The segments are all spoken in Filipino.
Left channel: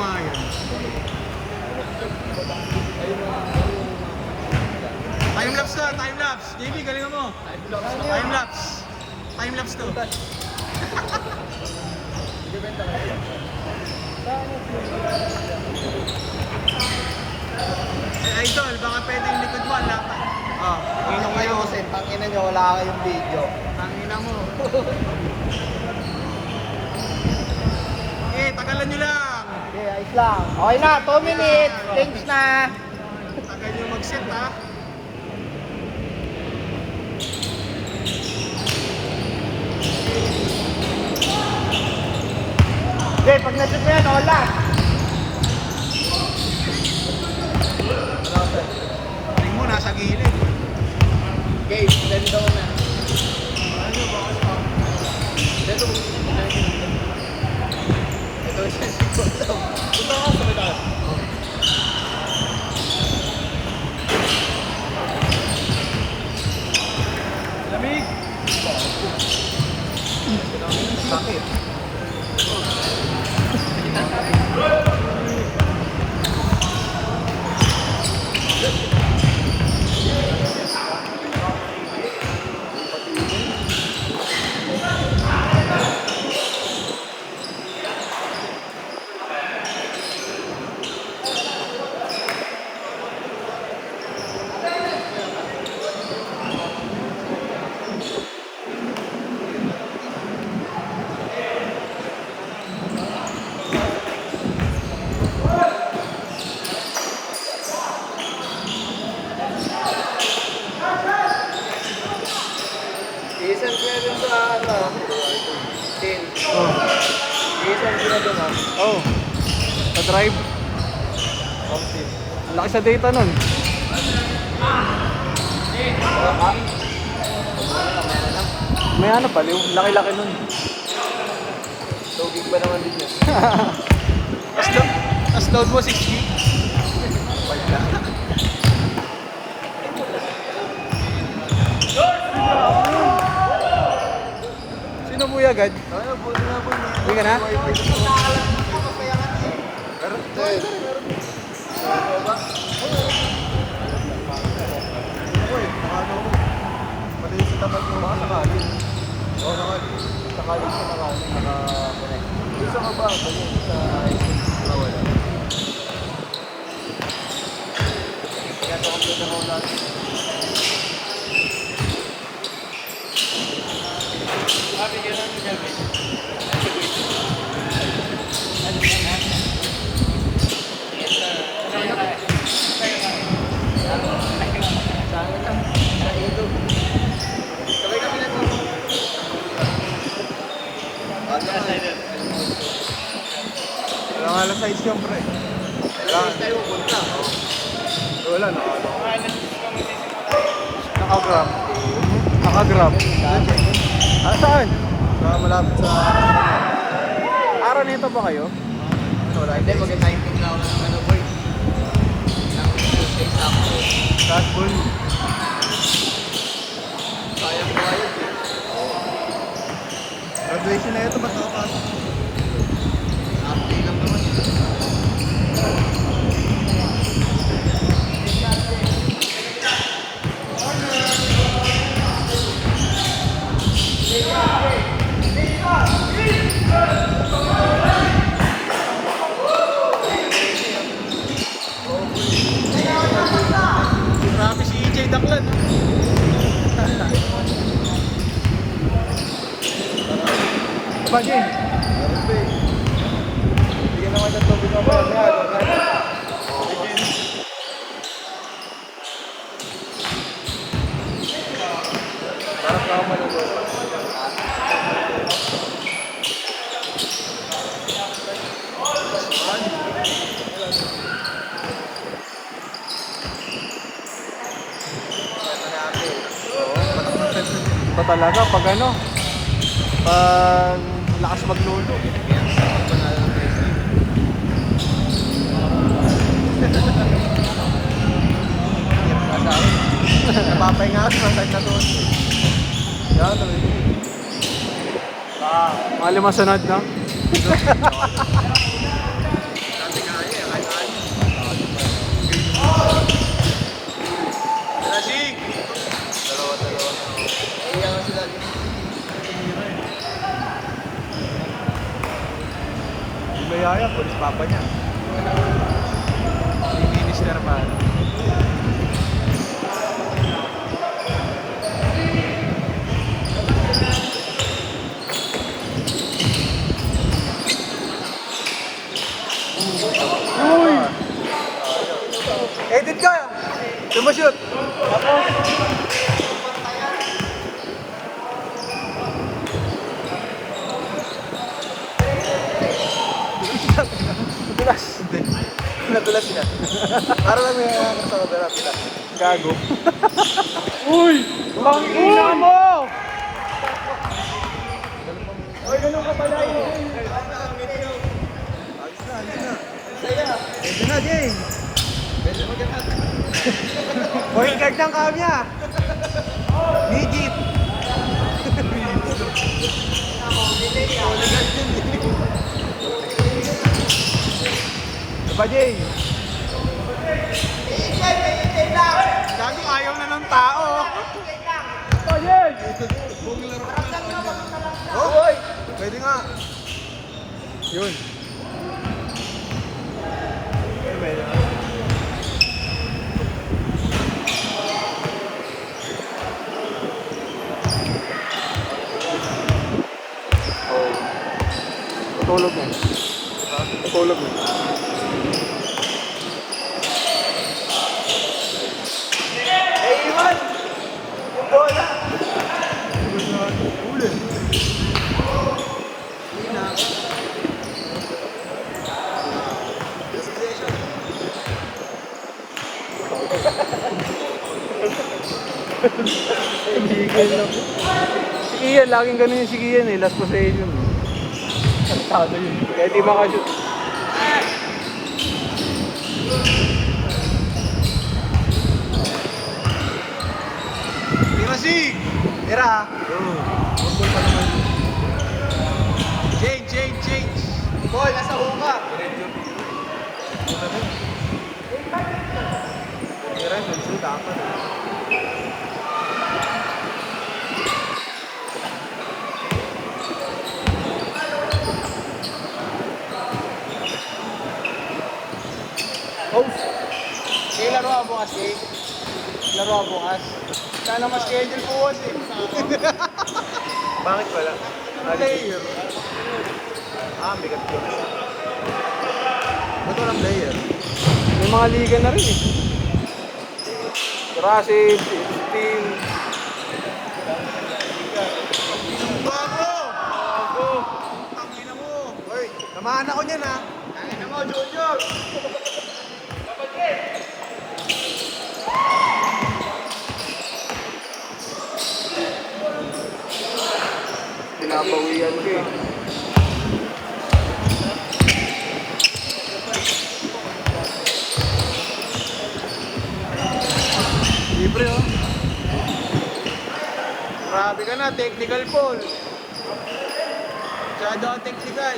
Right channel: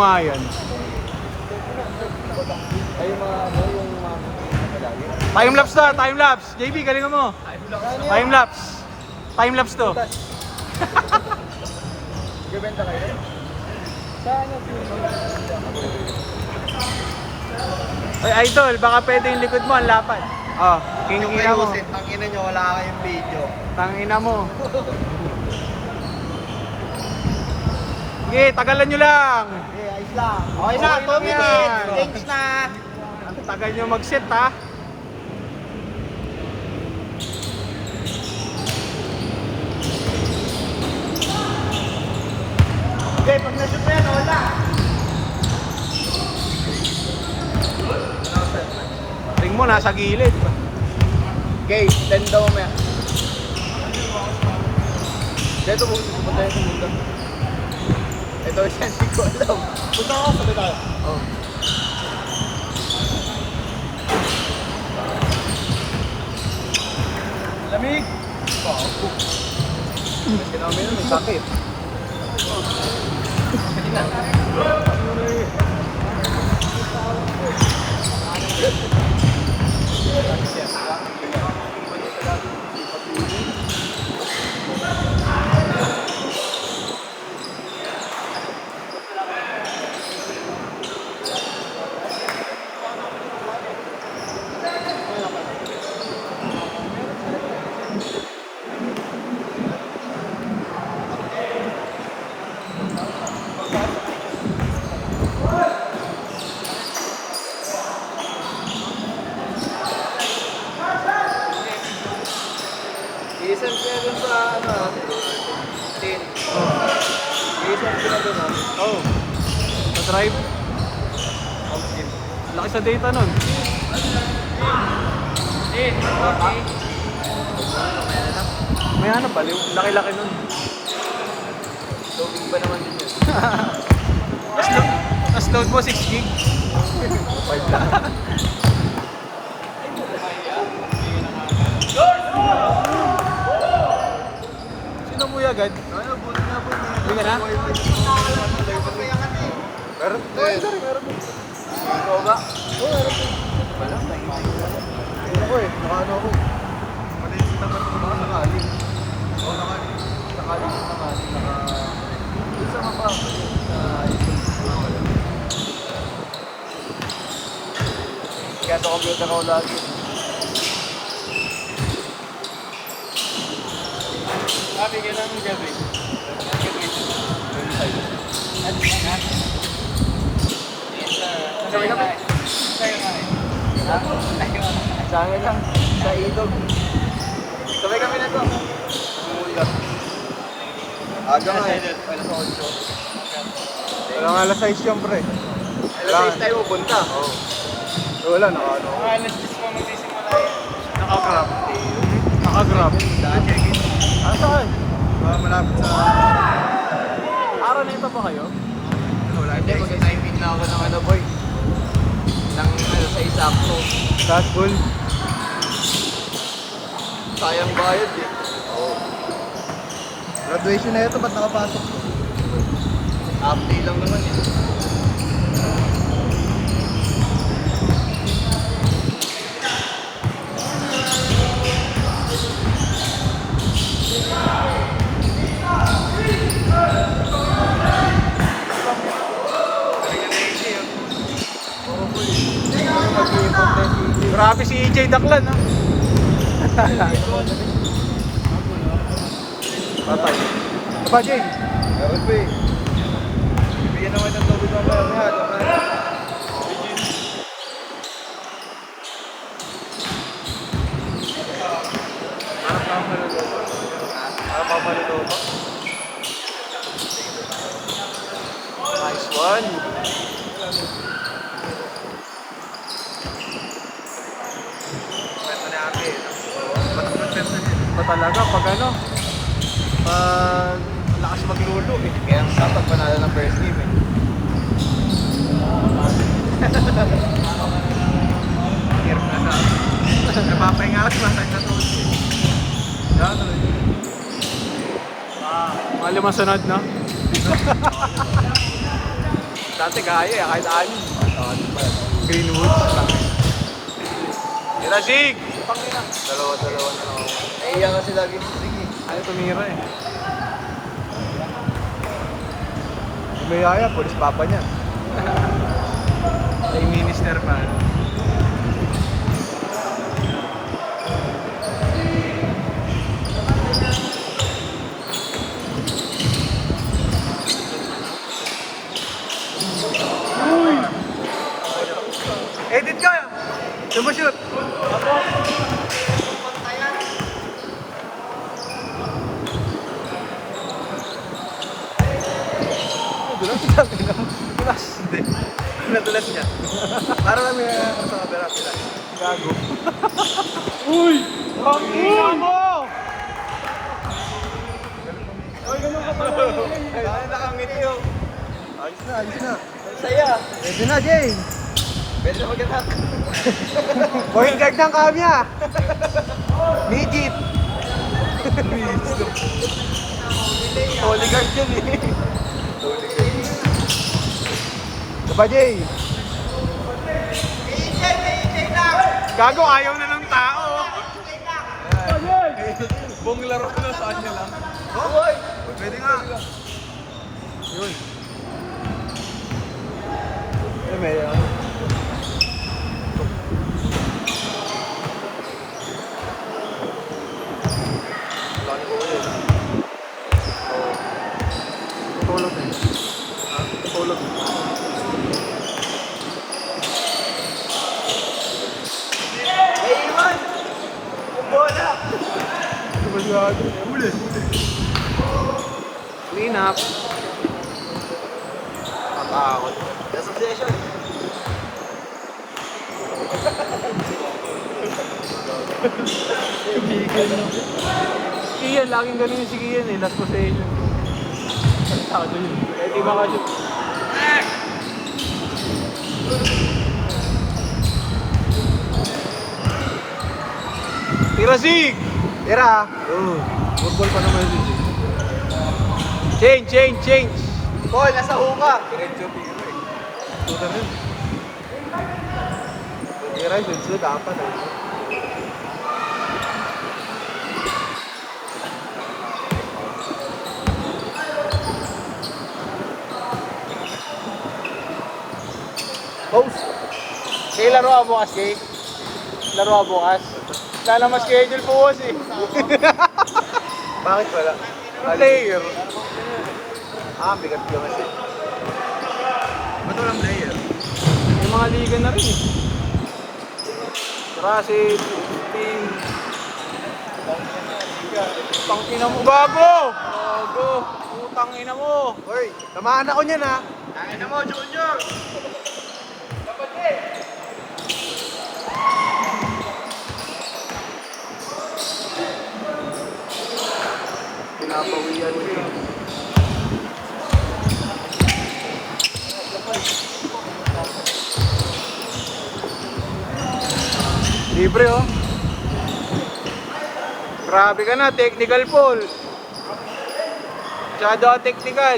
nga yan. Time-lapse to, time-lapse. JB, galingan mo. Time-lapse. Time-lapse to. Ay, idol, baka pwede yung likod mo, ang lapad. Oh, Yung ayusin, tangina nyo, wala kayong video. Tangina mo. Okay, tagalan nyo lang. Okay, ayos lang. Okay na, 2 minutes. Change na. Ang tagal nyo mag-set, ha? Okay, pag na-shoot yan, wala. Ring mo, nasa gilid. Okay, then daw mo. Dito mo. Ito siya. Punta ka sa bitaw. Lamig. Sakit. Drive. Laki sa data nun. May ano pa, yung laki-laki mo. Tapos load mo 6 gig. Sino mo agad? Hindi ka na? Walang alas 6 yung pre. Tayo pupunta. Wala na. Nakagram. Nakagram. Saan? Malapit sa... Araw na ito ba kayo? Wala, hindi. 19 na ako ng ano, boy. Red Bull. Sayang tayo. Graduation na ito, ba't nakapasok? Update lang naman yun. Grabe si EJ Daklan. Ba, Jay? Bigyan naman ng COVID ng mga. Nice one. Kwenta na natin. Ba't mag-sensor din? Ba talaga? Pag ano? Lakas maglolo eh. Kaya ang sarap panalo ng best team. Hirap na sa akin. Napapahinga ako sa na doon. Yan. Alim mo sunod na. Dati gaya, kahit alin. Greenwood. Lasig! Iya nga sila lagi. Ay, tumira eh. May aya, polis papa niya. May minister pa. Edit ka! Sumushoot! Pilas. Hindi. Nagulat niya. Parang may kasama pero pilas. Gago. Uy! Bangin mo! Ito na, Jay! Huwag kag ng kamya! Midget! Ba, Jay? Gago, ayaw na ng tao. Buong laro na sa kanya lang. Oh! Pwede nga. Yun. Pwede. Tulog eh. Tulog. Ulit. Clean up. Wow. Association. Bigay na. Si Ian, laging ganun yung si Ian eh. Last possession. Sabi yun. Kaya di makashoot. Tirasig! Tira. Change! Ball, nasa uka. Tira, sunod ah. Post! Sige, laro ka bukas, Jake. Laro ka bukas. Sana ma-schedule po kasi. Bakit wala? Player. Bigat yun. Ba't walang player? May mga liga na rin eh. Kasi, team. Pangina mo, gago! Putang ina mo. Hoy, namahan ako niyan ha. Tangina mo, Junior! Libre oh. Grabe ka na, technical ball. Masyado technical.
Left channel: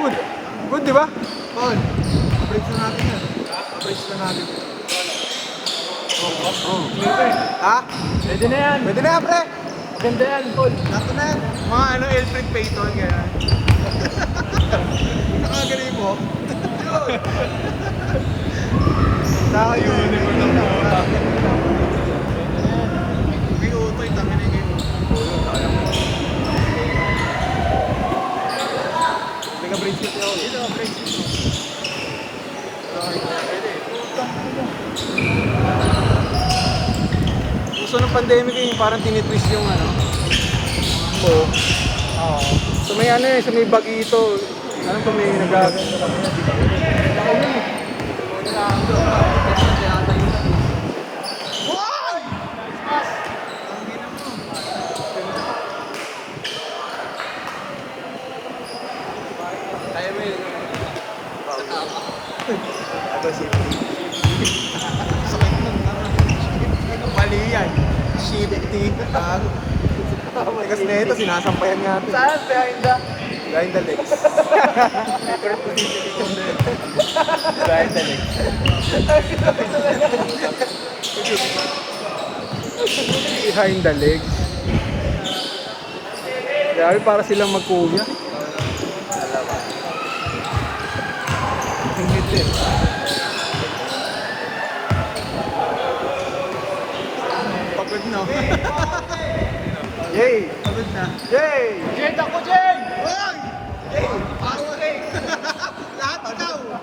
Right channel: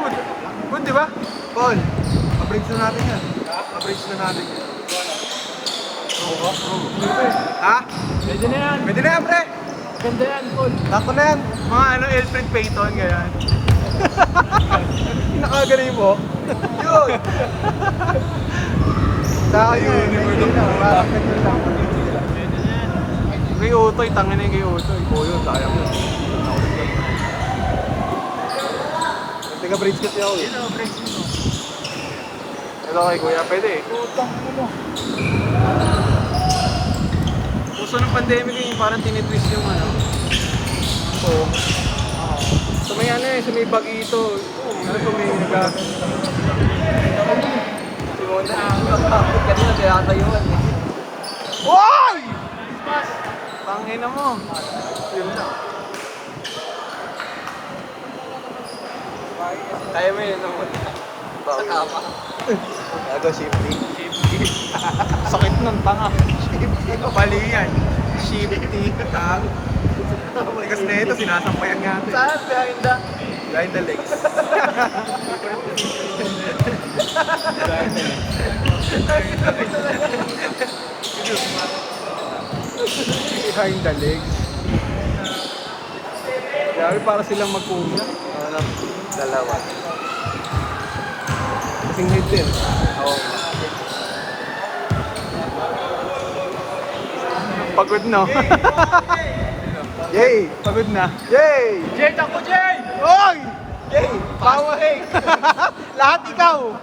Good. Good, di ba? Paul, pa-breaks na natin yan. Pa-breaks na natin yan. Oh. Ha? Pwede na yan. Pwede na yan, pre. Ganda yan, Paul. Sakto na yan. Mga ano, Elfred Payton, ganyan. Nakagaling mo. Yun. May utoy, tangin na yung utoy. Teka, breaks ko tayo. Dito, break dito. Wala kay Kuya, pwede eh. Puso ng pandemic eh, parang tingitis yung may ano eh, may bagito. Ito may nagagawa. Hoy! Nice pass! Ang hina mo. Ganda. Kaya mo yun. Sakit ng tanga. Mali yan. Shifty. Gago. Kasi na ito, sinasampayan nga ito eh. Behind the legs. Behind the legs. Behind the legs. Grabe, para silang magpulo. Oo lang. Singit eh. Pagod no? Yay! Pagod na. Yay! Jade ako, Jade! Oy! Yay! Bawa eh! Lahat ikaw!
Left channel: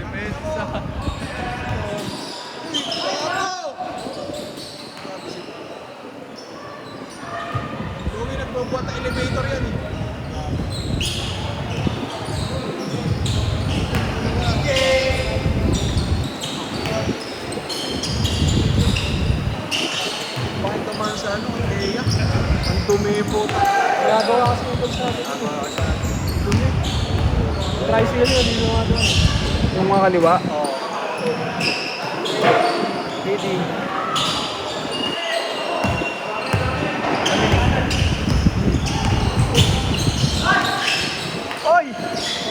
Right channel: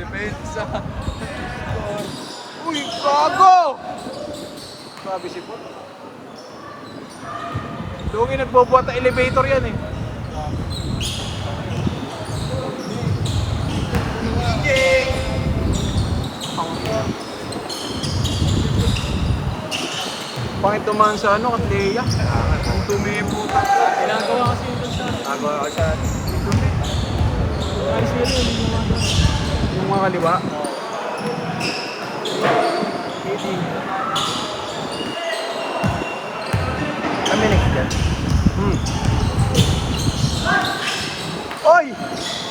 Depensa. Uy! Bago! Grabe si Paul. Doon yung nagbobuhat ng elevator yan eh. Bakit tumahan sa ano, Kandeya? Ang dumi yung puta. Dumi. Nice yun yun. Yung mga kaliwa. Pwede. Oy!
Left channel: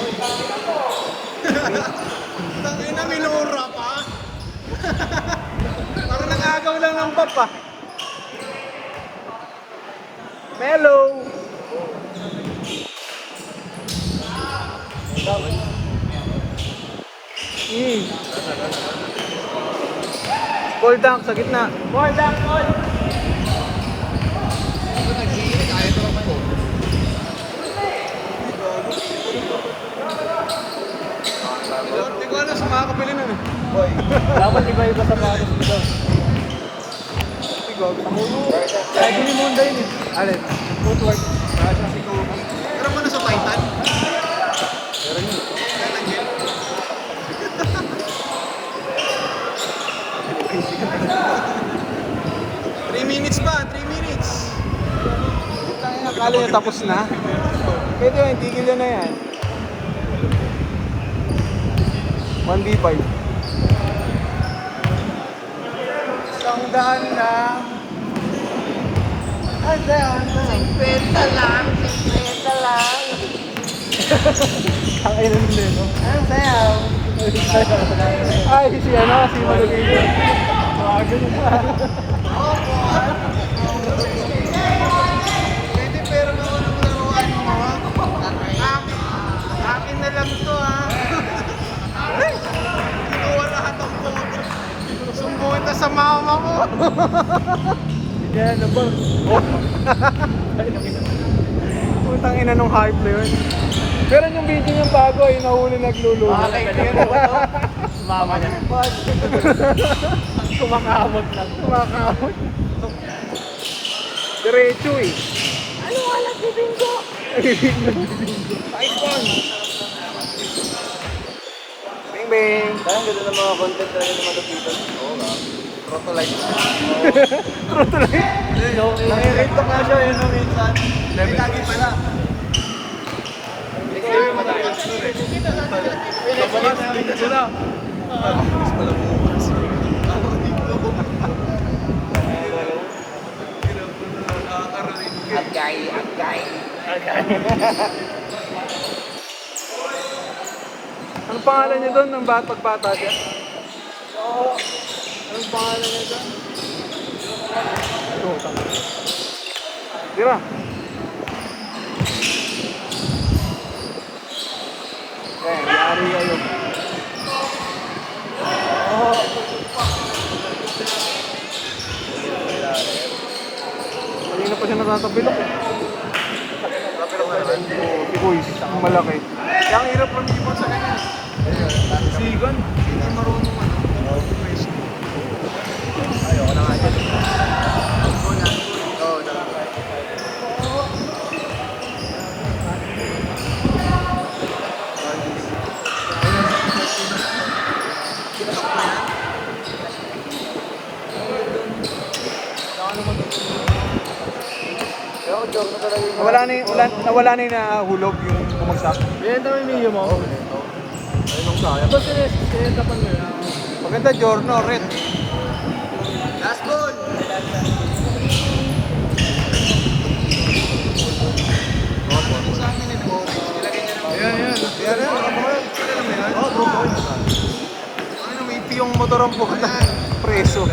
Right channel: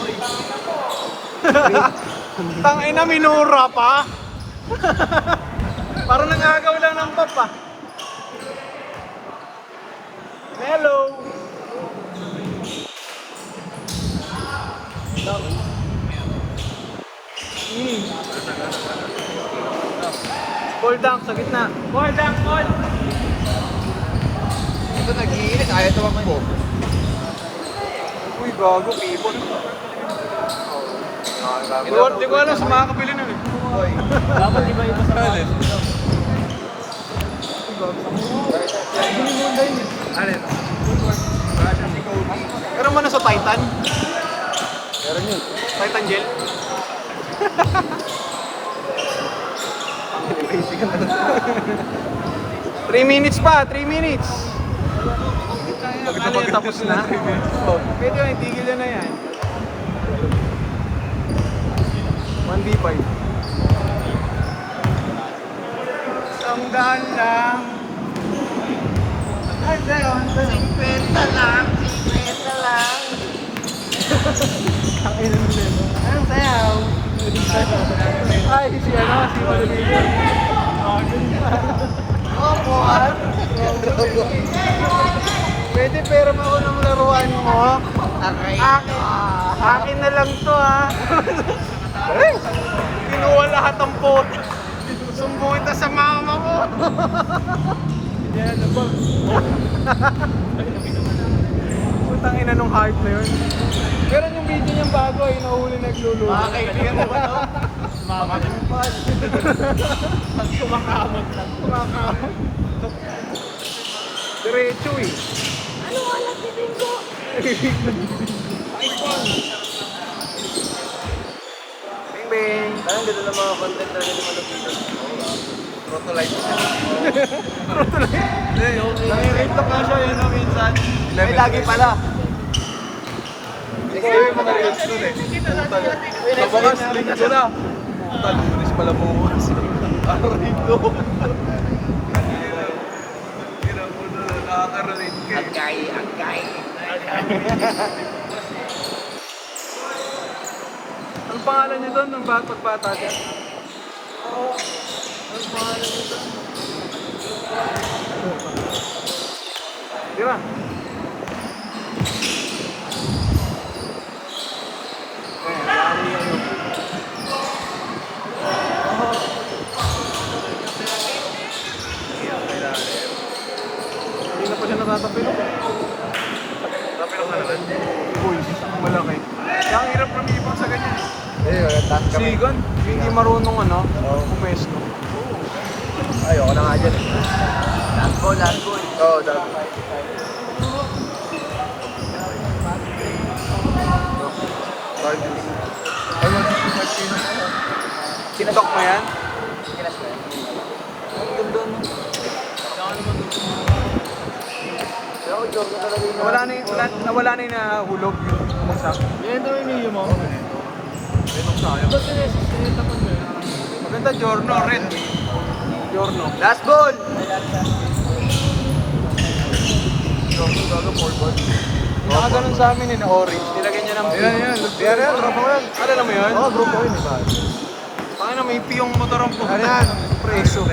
Oy! Tangina, minura pa. Parang nangagaw lang ng map ah. Hello! Ball dunk sa gitna. Ball dunk, ball! Uy, gago, people. Di ko alam sa makakabili nun eh. Dapat iba-iba sa rin. Ay, bilhin mo yung dahin eh. Alin? Pero mo na sa Titan? Titan Gel? 3 minutes pa, 3 minutes. Akala niya tapos na. Ito yung tigilan na yan. 1v5. Isang daan lang. Ay, daan lang. Kain naman din. Ay, si ano, si Malagay. Opo, ah. Pwede pero mo ng laruan mo. Akin na lang to ha. Kinuha lahat ng photo. Sumbungin ta sa mama ko. Yan, ano ba? Putang ina nung hype na yun. Pero yung video niyang bago ay nahuli naglululo. Mama niya. Pag kumakamot na. Diretso eh. Bing bing. Ang ganda ng mga content na Protolite. Nakikita ka siya yun minsan. Ay, lagi pala. Mas pala mo kasi. Taro dito. Hirap mo na nakakarating ka eh. Ang pangalan niya doon ng bata-bata siya. Tira. Hindi na pa siya nakakabila. Napirap na naman. Uy, malaki. Ang hirap lumipon sa ganyan eh. Sigan. Hindi marunong ano, pumesto. Ayoko na nga dyan. Golan ko eh. Oo, TikTok na yan? Nawala na yung nahulog yung wasak. Ayan daw yung video mo. Ayun sa kaya. Maganda, Giorno, red. Giorno. Last ball! Hindi nakaganon sa amin na orange. Nilagay niya ng Ayan, yan. Alala mo yun? Paano may piyong motor ang puhunan? Preso.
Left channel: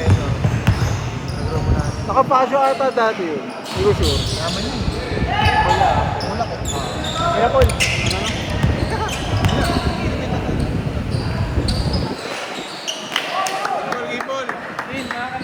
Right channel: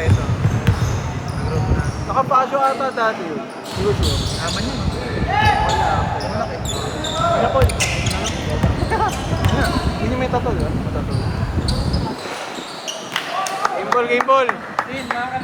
Nakapasok ka ba dati? Hindi ko sure. Naman yun. Malaki. Kaya po,